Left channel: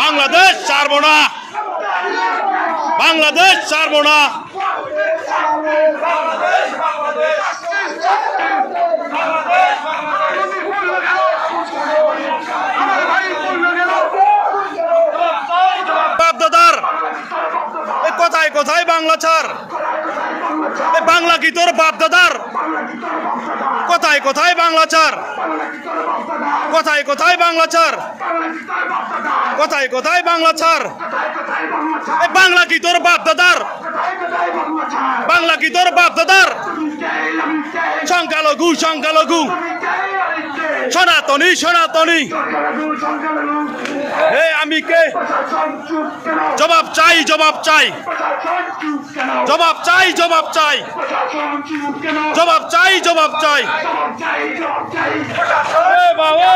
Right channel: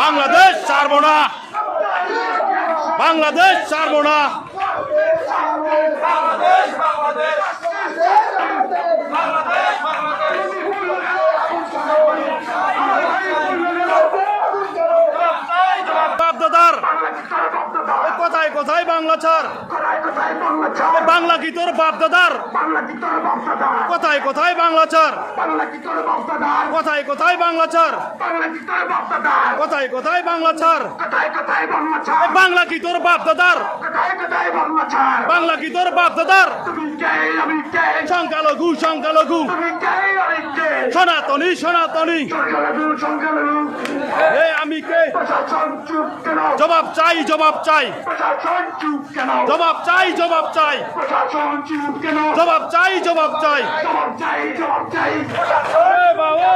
বাংলাদেশ ছাড়বো না, বাংলাদেশ ছাড়বো না। বাপদাদার কোথায় কোথায় বাংলা ছাড়, বাংলা কি তোর বাপদাদার? কোথায় কোথায় বাংলা ছাড়, কোথায় কোথায় বাংলা ছাড়, কোথায় কোথায় বাংলা ছাড়? বাংলা কি তোর বাপদাদার? বাংলা কি তোর বাপদাদার? সংখ্যালঘু সংখ্যালঘু, সনাতনী সনাতনী, আমি কে? জবাব চাই জবাব চাই, জবাব চাই জবাব চাই, জবাব চাই জবাব চাই। বাবা